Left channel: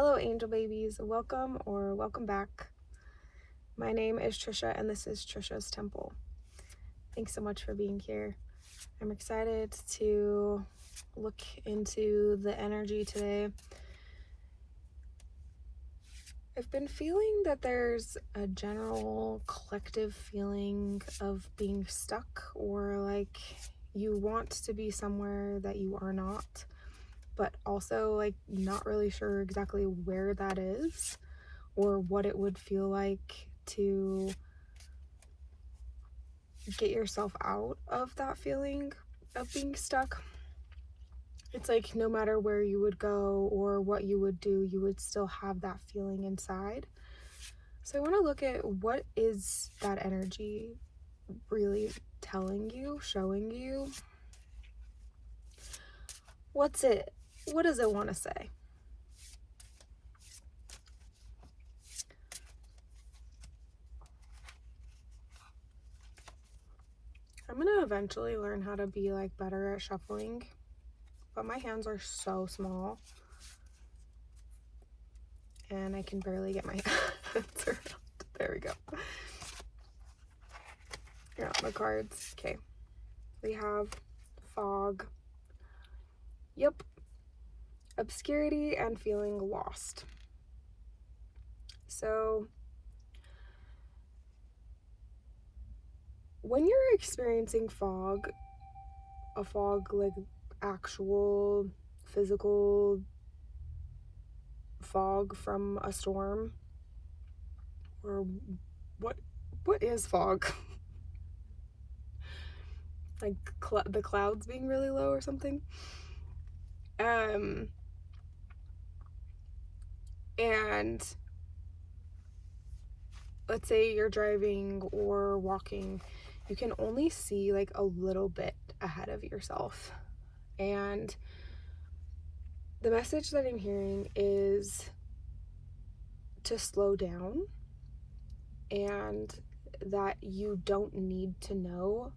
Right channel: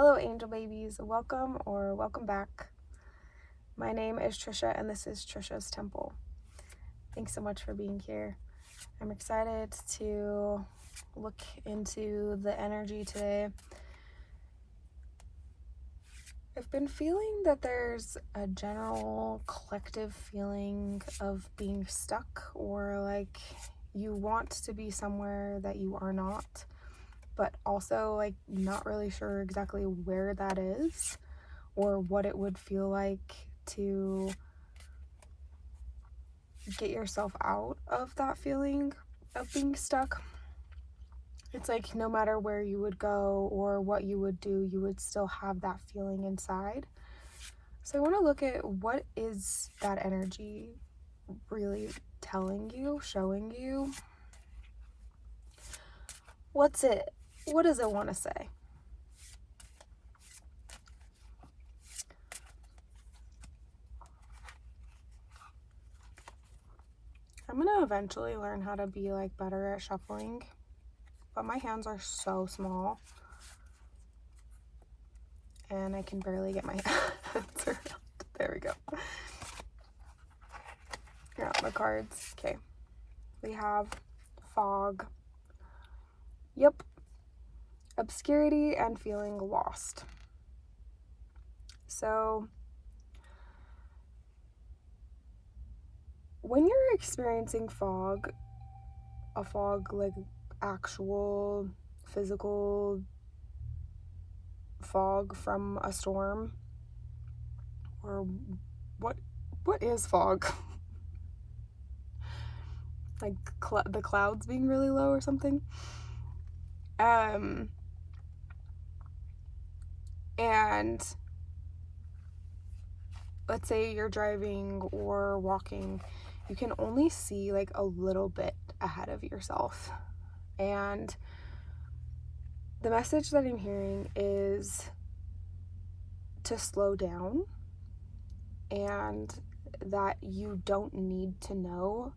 Hello, angel babies. Welcome or welcome back. My name is Trisha, and this is Trisha's Temple. Thanks so much for being here. I'm excited to look into the energy today. I've been feeling that there's a general collective feeling of being stuck, or like you want to be somewhere that you are not, but also like not really sure exactly where that is or what it would feel like to get yourself out of that feeling of being stuck. It's like no matter where you would go or what you would do, you would still have that feeling inside. So I want to look at what is that energy really telling you, showing you. What does it want to say? I'm gonna eventually learn how to be like better at shuffling, but my hands are so small and I can barely get my hands around. There we go. Here are the cards. Okay, we have fog. Yep. Obscurity and feeling lost. So when you're experiencing fog, a fog like actual physical fog from a storm, or what is fog? Like the clouds being really low or something. And let's say you're driving or walking, you can only see like a little bit ahead of yourself. And the message that I'm hearing is to slow down, and that you don't need to know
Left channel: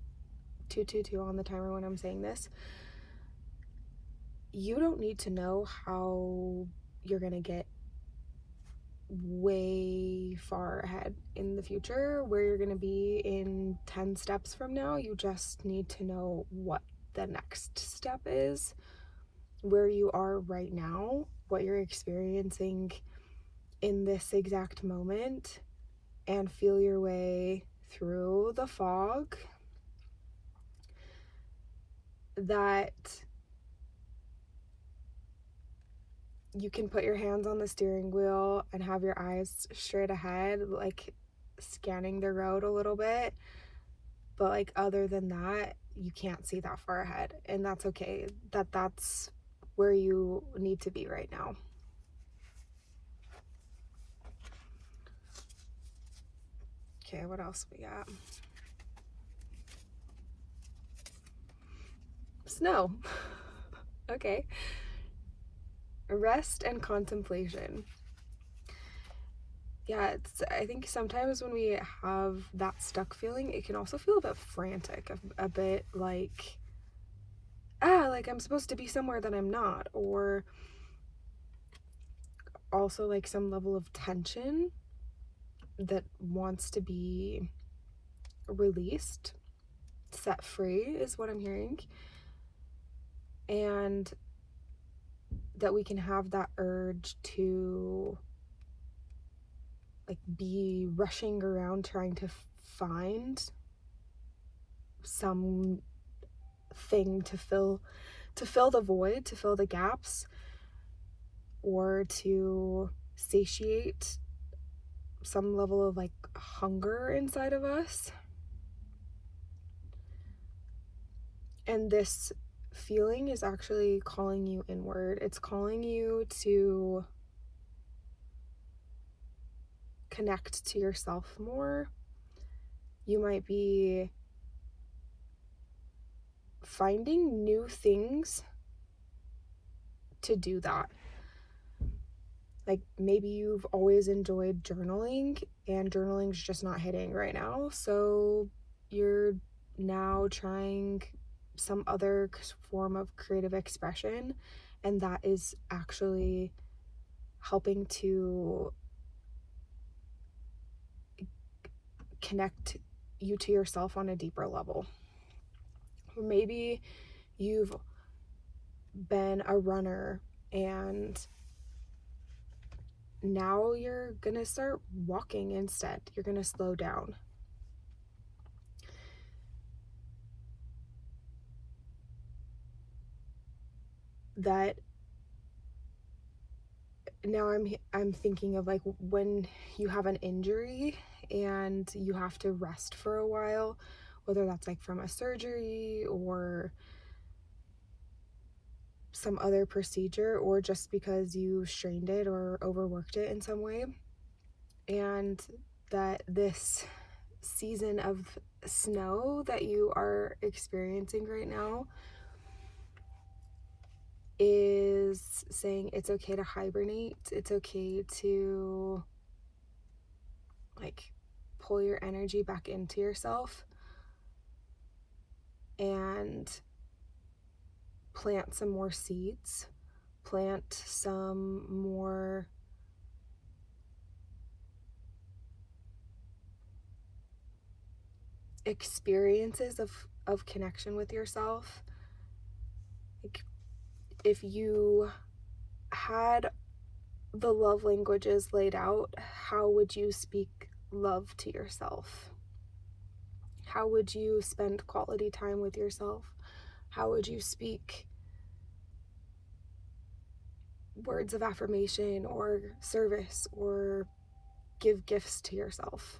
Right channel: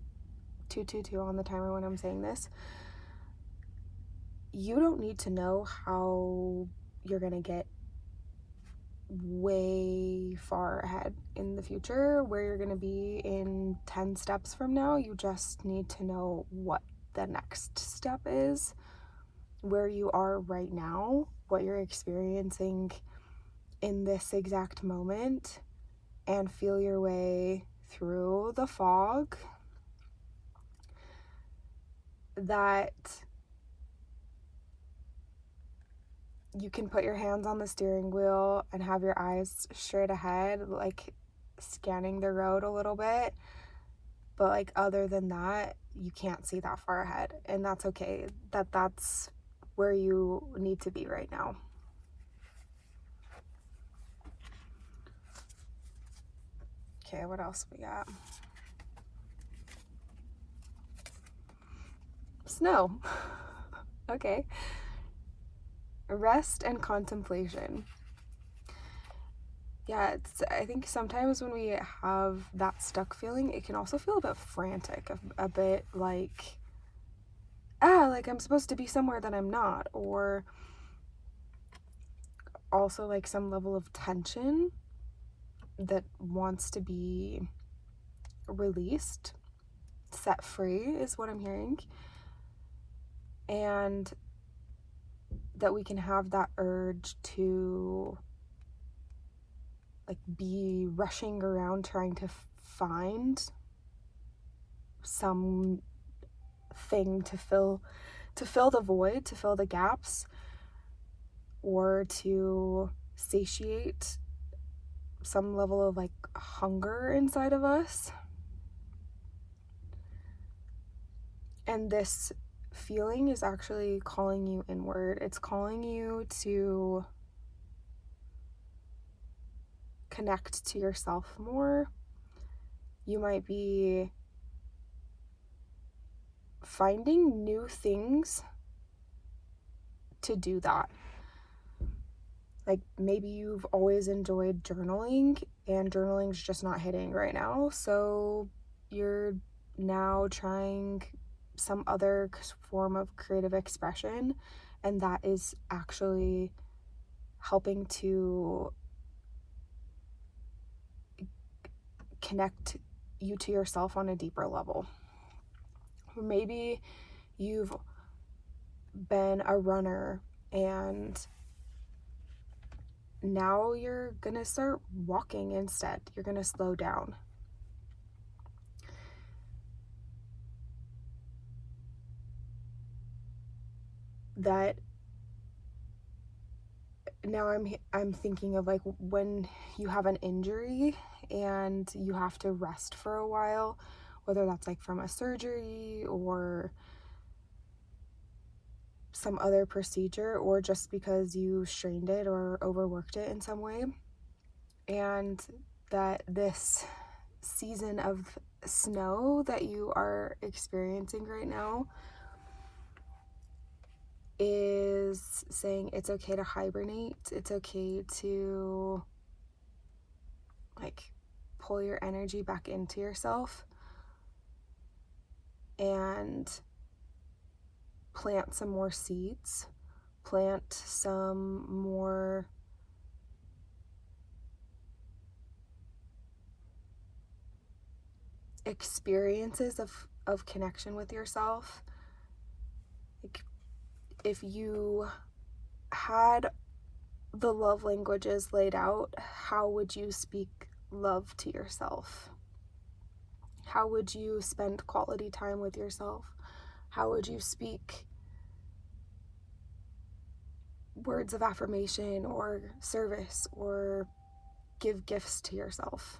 222 on the timer when I'm saying this. You don't need to know how you're gonna get way far ahead in the future, where you're gonna be in 10 steps from now. You just need to know what the next step is, where you are right now, what you're experiencing in this exact moment, and feel your way through the fog. That you can put your hands on the steering wheel and have your eyes straight ahead, like scanning the road a little bit, but like other than that, you can't see that far ahead, and that's okay. That's where you need to be right now. Okay, what else we got? Snow. Okay. Rest and contemplation. Yeah, I think sometimes when we have that stuck feeling, it can also feel a bit frantic, a bit like, like I'm supposed to be somewhere that I'm not, or also like some level of tension that wants to be released, set free is what I'm hearing. And that we can have that urge to like be rushing around trying to find some thing to fill the void, to fill the gaps, or to satiate some level of like hunger inside of us. And this feeling is actually calling you inward. It's calling you to connect to yourself more. You might be finding new things to do that. Like maybe you've always enjoyed journaling, and journaling's just not hitting right now, so you're now trying some other form of creative expression, and that is actually helping to connect you to yourself on a deeper level. Or maybe you've been a runner and now you're gonna start walking instead. You're gonna slow down. That now I'm thinking of like when you have an injury and you have to rest for a while, whether that's like from a surgery or some other procedure, or just because you strained it or overworked it in some way. And that this season of snow that you are experiencing right now is saying it's okay to hibernate. It's okay to like pull your energy back into yourself and plant some more seeds, plant some more experiences of connection with yourself. Like if you had the love languages laid out, how would you speak love to yourself? How would you spend quality time with yourself? How would you speak words of affirmation or service or give gifts to yourself?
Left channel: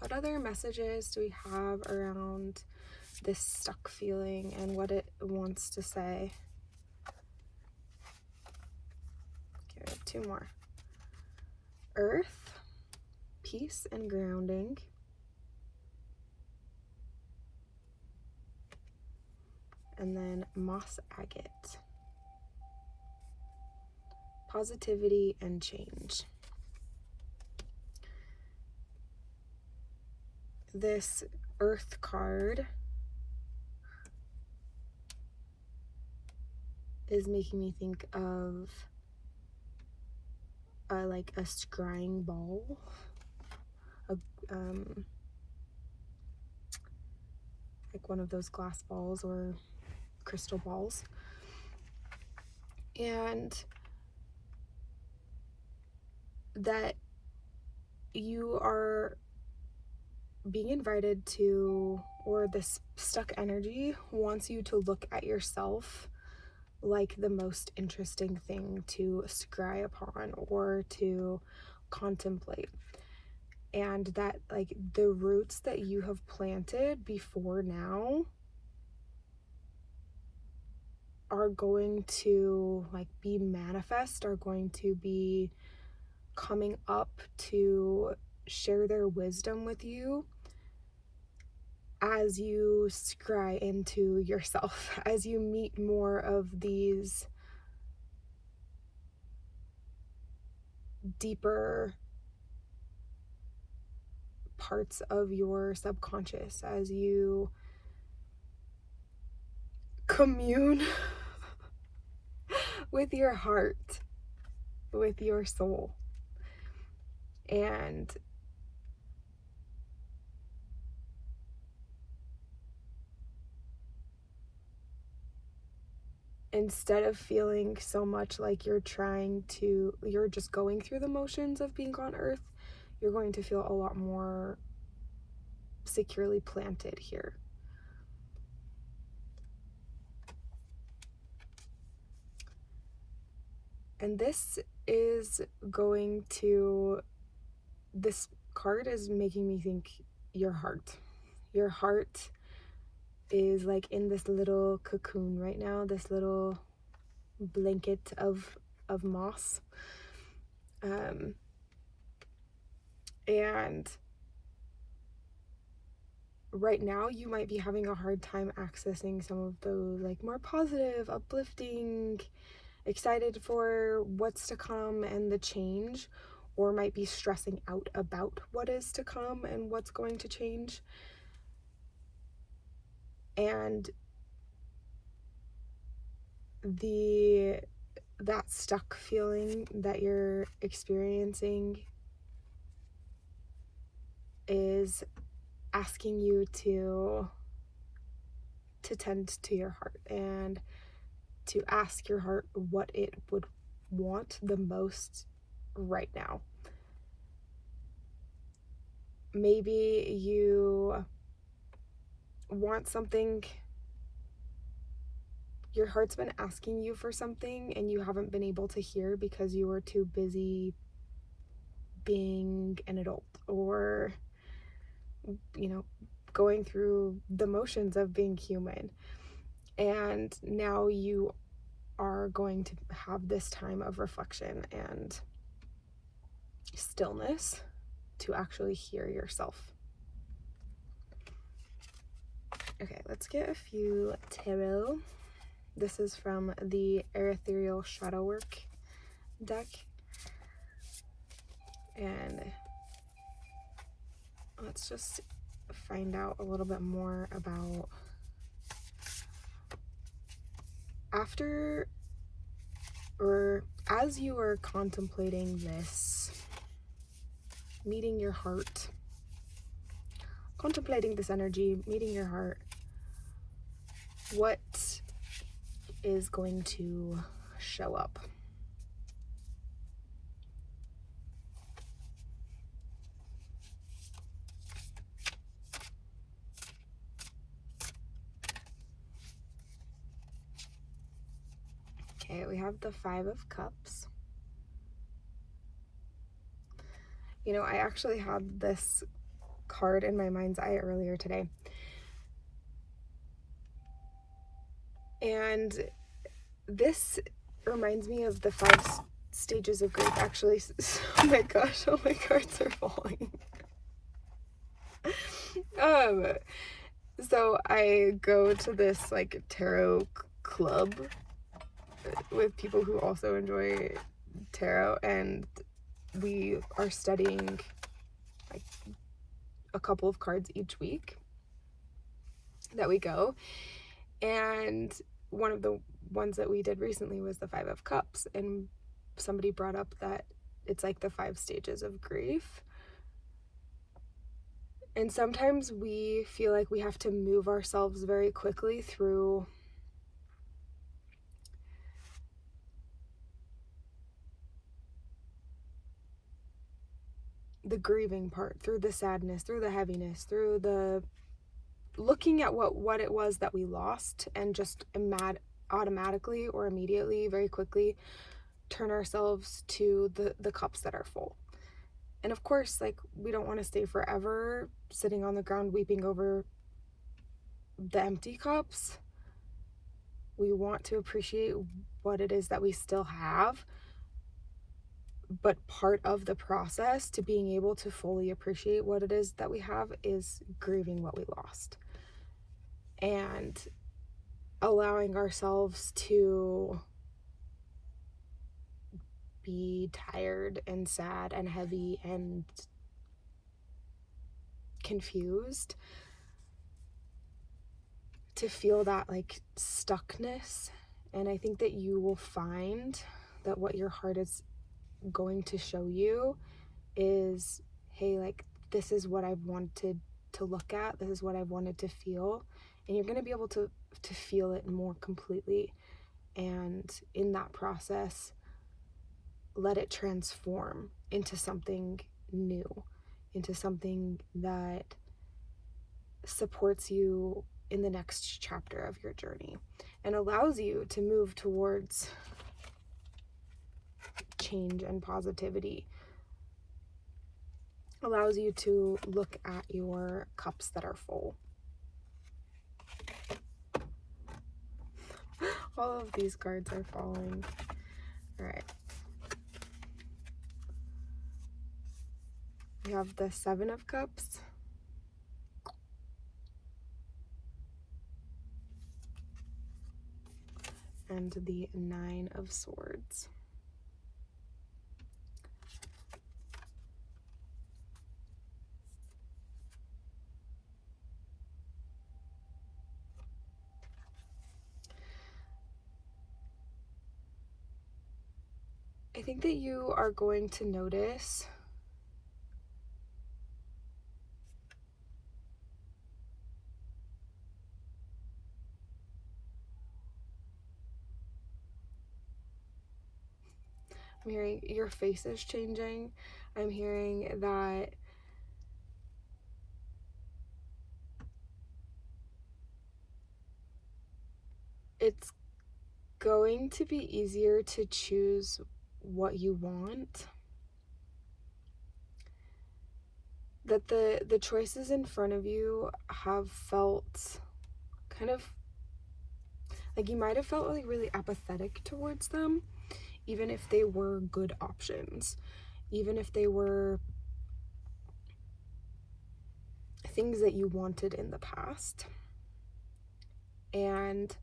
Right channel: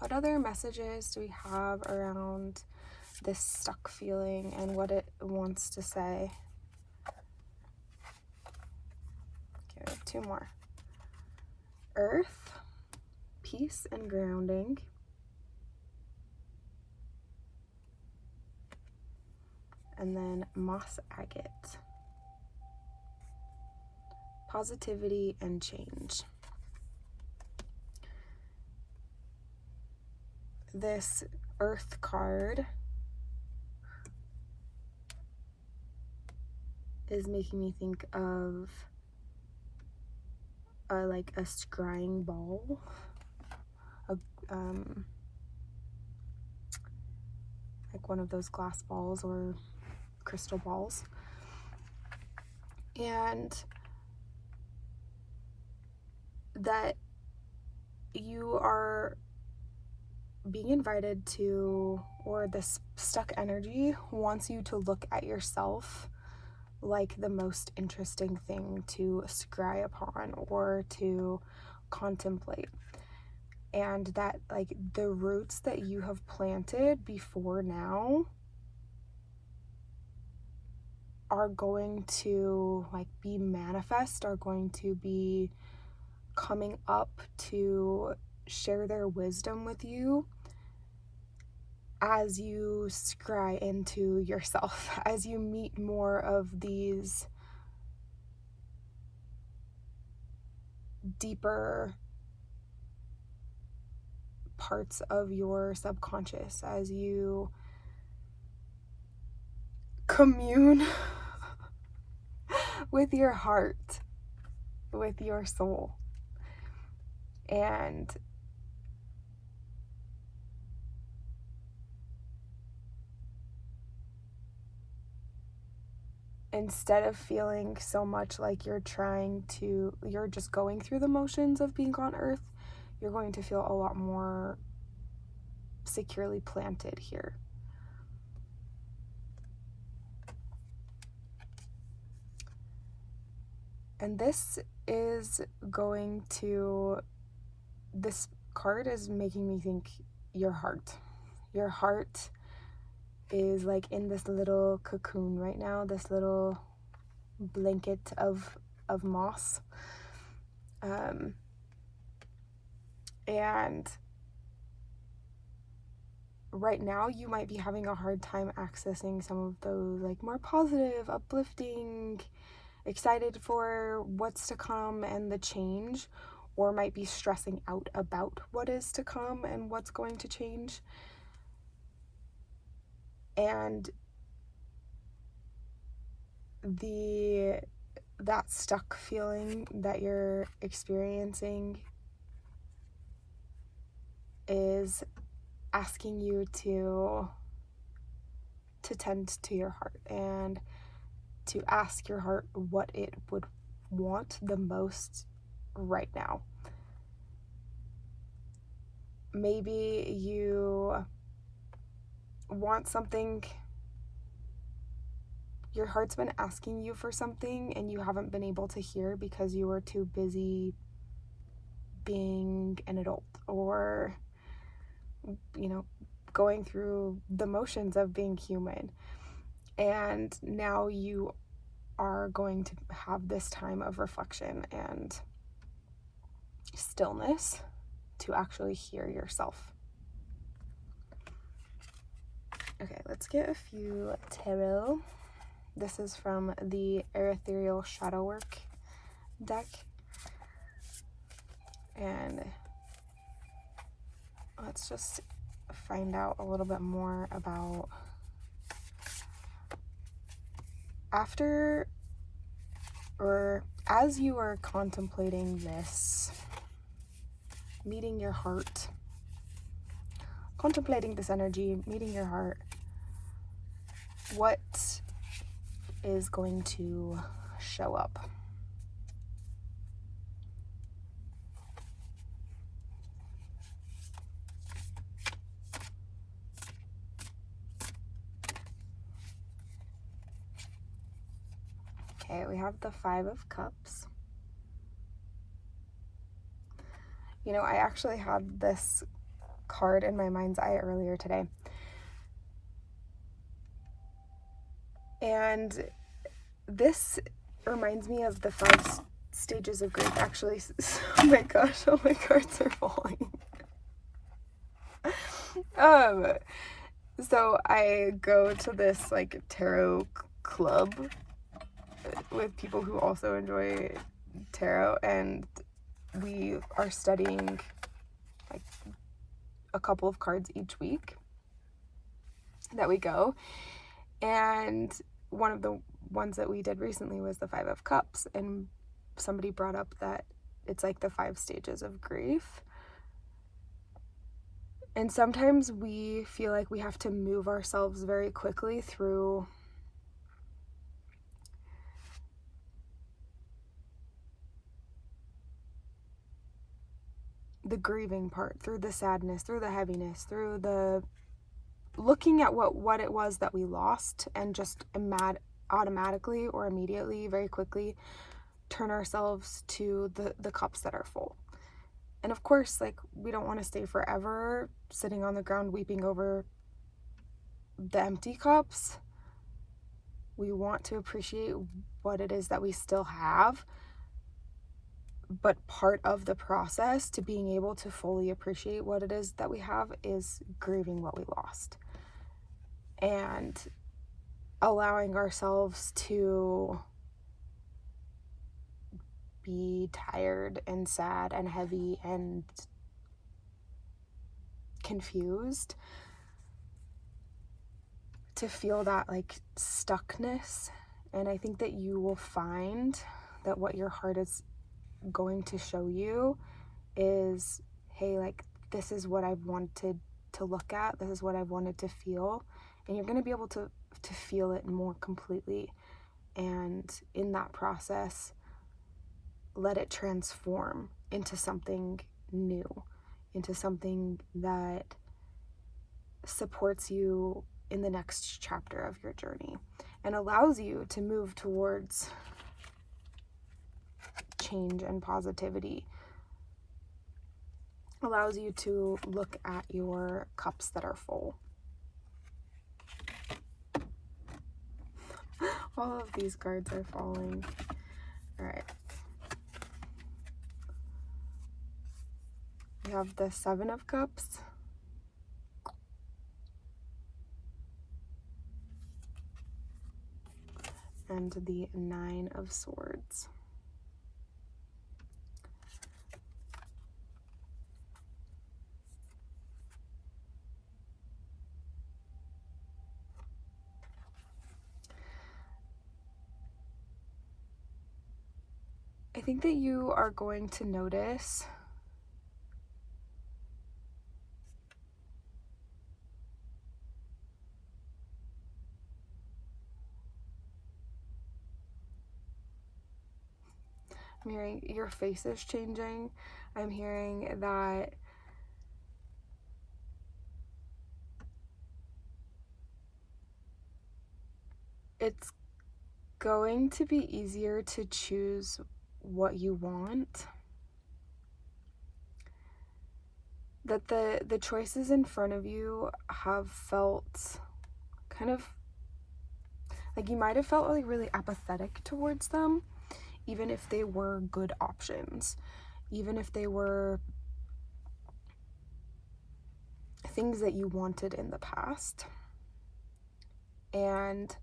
What other messages do we have around this stuck feeling and what it wants to say? Okay, we have two more. Earth, peace and grounding. And then moss agate, positivity and change. This earth card is making me think of like a scrying ball, like one of those glass balls or crystal balls. And that you are being invited to, or this stuck energy wants you to look at yourself like the most interesting thing to scry upon or to contemplate. And that like the roots that you have planted before now are going to like be manifest, are going to be coming up to share their wisdom with you as you scry into yourself, as you meet more of these deeper parts of your subconscious, as you commune with your heart, with your soul. And instead of feeling so much like you're just going through the motions of being on earth, you're going to feel a lot more securely planted here. And this card is making me think your heart. Your heart is like in this little cocoon right now, this little blanket of moss. And right now you might be having a hard time accessing some of those like more positive, uplifting, excited for what's to come and the change, or might be stressing out about what is to come and what's going to change. And that stuck feeling that you're experiencing is asking you to tend to your heart and to ask your heart what it would want the most right now. Maybe you want something, your heart's been asking you for something and you haven't been able to hear because you were too busy being an adult, or going through the motions of being human. And now you are going to have this time of reflection and stillness to actually hear yourself. Okay, let's get a few tarot. This is from the Erethereal Shadow Work deck. And let's just find out a little bit more about after or as you are contemplating this, meeting your heart, contemplating this energy, meeting your heart, what is going to show up? Okay, we have the Five of Cups. I actually had this card in my mind's eye earlier today. And this reminds me of the 5 stages of grief, actually. Oh my gosh, all my cards are falling. So I go to this tarot club with people who also enjoy tarot, and we are studying a couple of cards each week that we go. And one of the ones that we did recently was the 5 of Cups, and somebody brought up that it's like the 5 stages of grief. And sometimes we feel like we have to move ourselves very quickly through the grieving part, through the sadness, through the heaviness, through the looking at what it was that we lost, and just automatically or immediately, very quickly, turn ourselves to the cups that are full. And of course, we don't want to stay forever sitting on the ground weeping over the empty cups. We want to appreciate what it is that we still have. But part of the process to being able to fully appreciate what it is that we have is grieving what we lost. And allowing ourselves to be tired and sad and heavy and confused, to feel that stuckness. And I think that you will find that what your heart is going to show you is, hey, this is what I've wanted to look at, this is what I've wanted to feel, and you're going to be able to feel it more completely. And in that process, let it transform into something new, into something that supports you in the next chapter of your journey and allows you to move towards change and positivity, allows you to look at your cups that are full. All of these cards are falling. All right. We have the 7 of Cups. And the 9 of Swords. think that you are going to notice I'm hearing your face is changing. I'm hearing that it's going to be easier to choose what you want. That the choices in front of you have felt kind of like you might have felt like really apathetic towards them, even if they were good options, even if they were things that you wanted in the past. And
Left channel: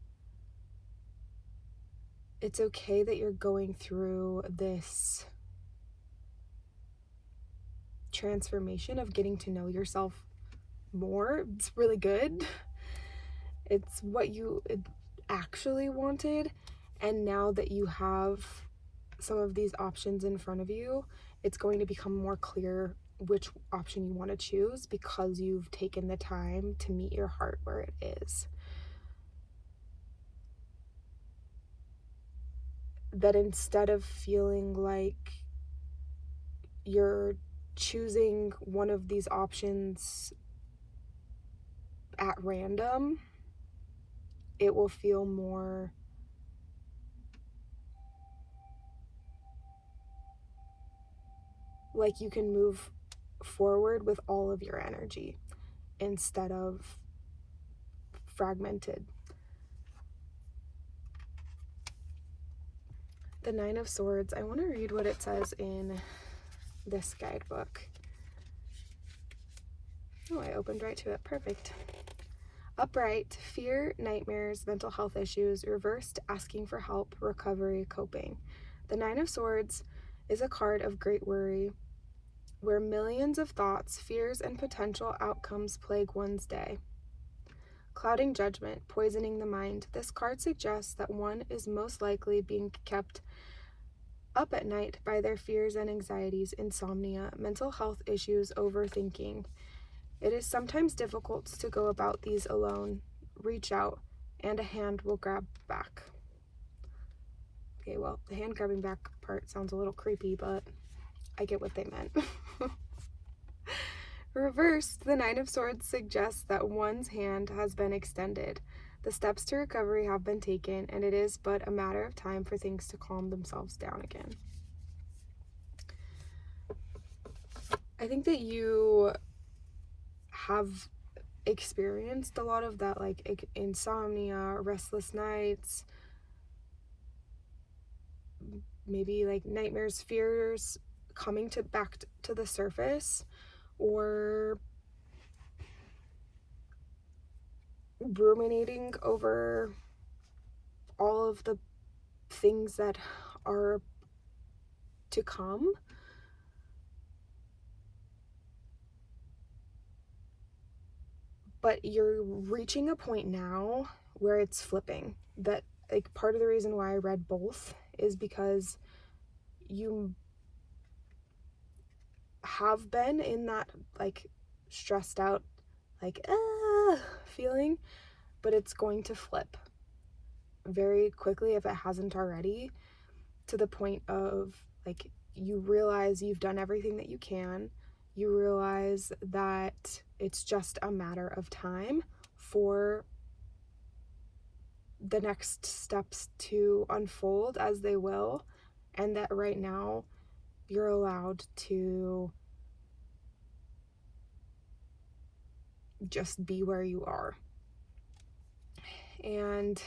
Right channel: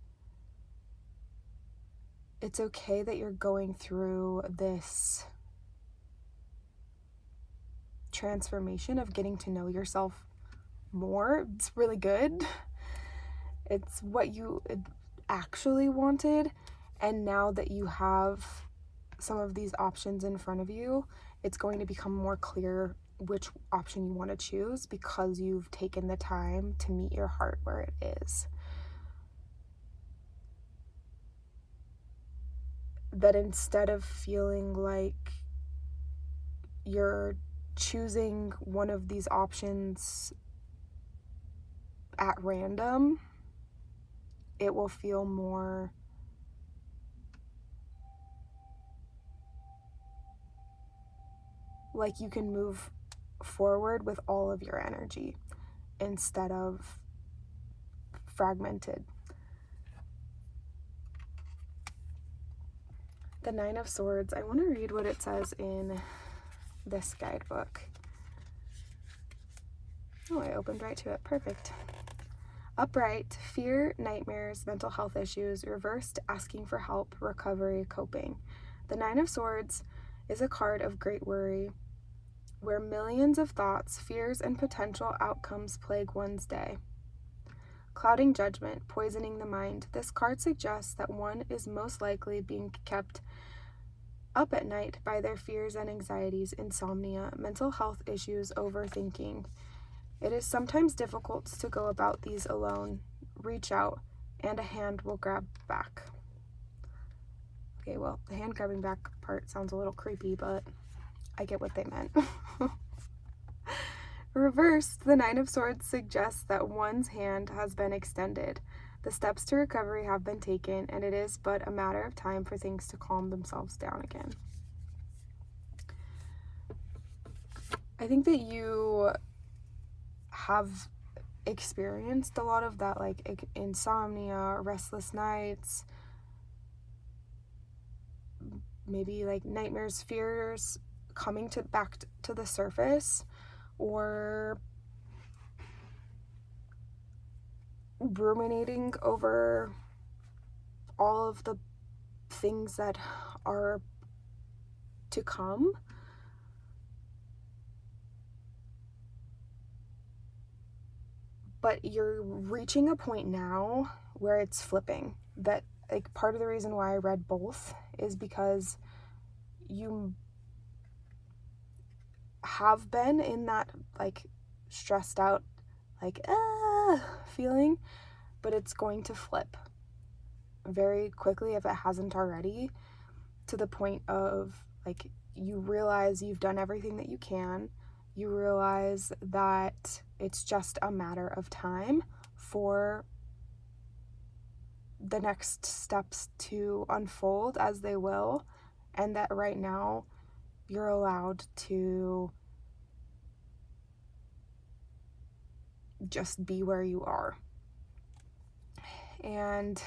it's okay that you're going through this transformation of getting to know yourself more. It's really good. It's what you actually wanted. And now that you have some of these options in front of you, it's going to become more clear which option you want to choose because you've taken the time to meet your heart where it is. That instead of feeling like you're choosing one of these options at random, it will feel more like you can move forward with all of your energy instead of fragmented. The Nine of Swords, I want to read what it says in this guidebook. Oh, I opened right to it. Perfect. Upright, fear, nightmares, mental health issues. Reversed, asking for help, recovery, coping. The Nine of Swords is a card of great worry, where millions of thoughts, fears, and potential outcomes plague one's day. Clouding judgment, poisoning the mind. This card suggests that one is most likely being kept up at night by their fears and anxieties, insomnia, mental health issues, overthinking. It is sometimes difficult to go about these alone. Reach out, and a hand will grab back. Okay, well, the hand grabbing back part sounds a little creepy, but I get what they meant. Reversed, the Nine of Swords suggests that one's hand has been extended. The steps to recovery have been taken, and it is but a matter of time for things to calm themselves down again. I think that you have experienced a lot of that, like insomnia, restless nights, maybe like nightmares, fears coming back to the surface, or ruminating over all of the things that are to come. But you're reaching a point now where it's flipping. That, like, part of the reason why I read both is because you have been in that, like, stressed out, like, feeling, but it's going to flip very quickly, if it hasn't already, to the point of, like, you realize you've done everything that you can. You realize that it's just a matter of time for the next steps to unfold as they will, and that right now you're allowed to just be where you are. And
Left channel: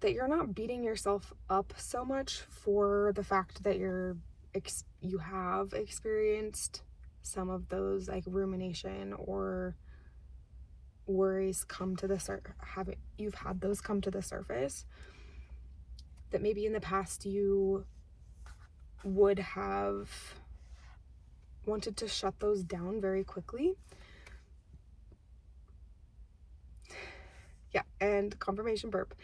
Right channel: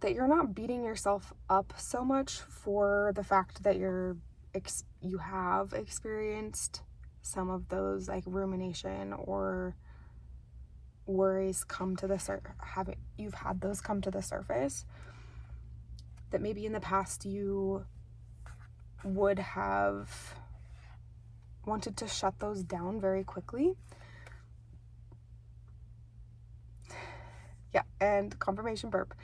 that you're not beating yourself up so much for the fact that you have experienced some of those, like, rumination or worries come to the you've had those come to the surface, that maybe in the past you would have wanted to shut those down very quickly. Yeah, and confirmation burp.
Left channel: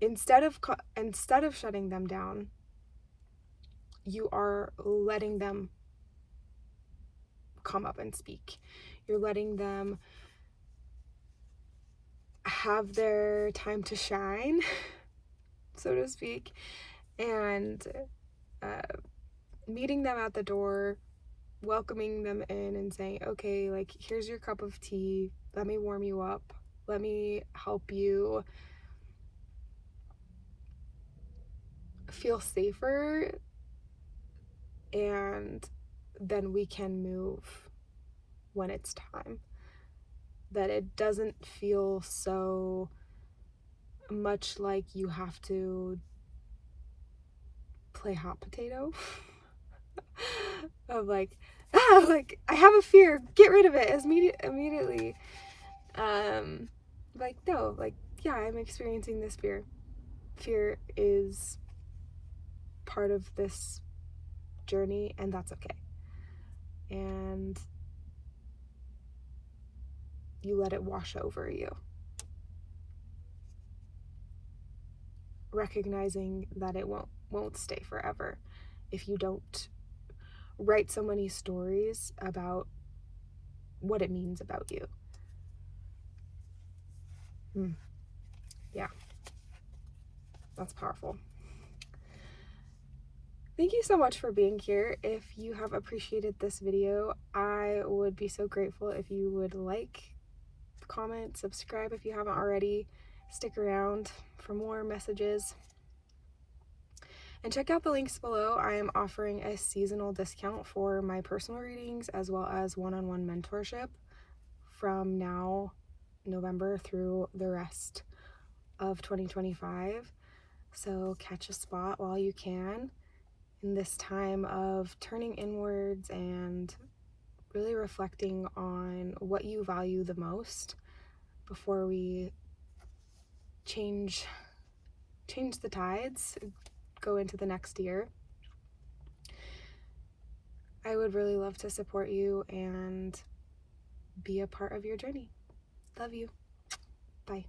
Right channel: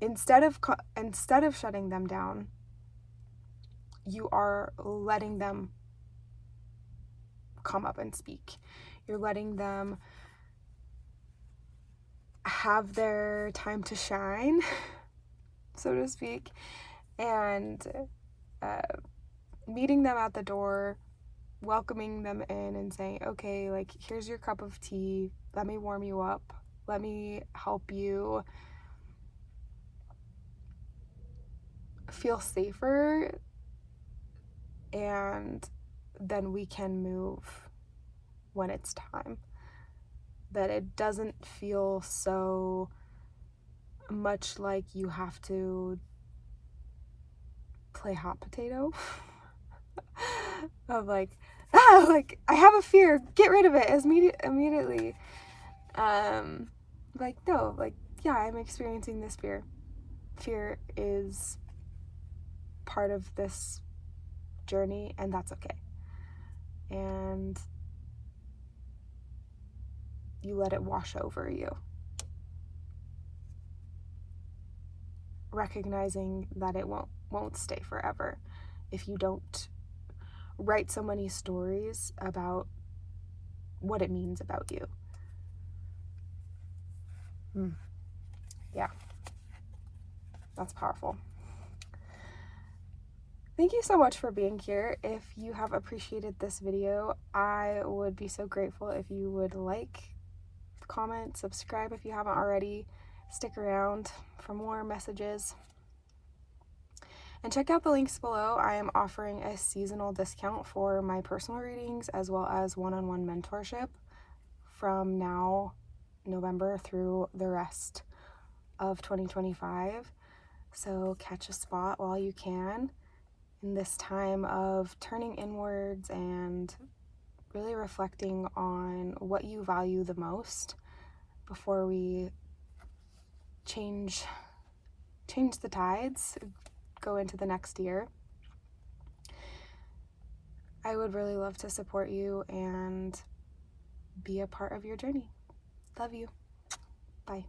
instead of shutting them down, you are letting them come up and speak. You're letting them have their time to shine, so to speak, and meeting them at the door, welcoming them in and saying, okay, like, here's your cup of tea. Let me warm you up. Let me help you feel safer, and then we can move when it's time. That it doesn't feel so much like you have to play hot potato of like, like, I have a fear, get rid of it immediately. Like, no, like, yeah, I'm experiencing this fear. Fear is part of this journey, and that's okay. And you let it wash over you. Recognizing that it won't stay forever if you don't write so many stories about what it means about you. Yeah, that's powerful. Thank you so much for being here. If you have appreciated this video, I would be so grateful if you would like, comment, subscribe if you haven't already. Stick around for more messages. And check out the links below. I am offering a seasonal discount for my personal readings as well as one-on-one mentorship from now, November, through the rest of 2025. So catch a spot while you can in this time of turning inwards and really reflecting on what you value the most before we change the tides, go into the next year. I would really love to support you and be a part of your journey. Love you. Bye.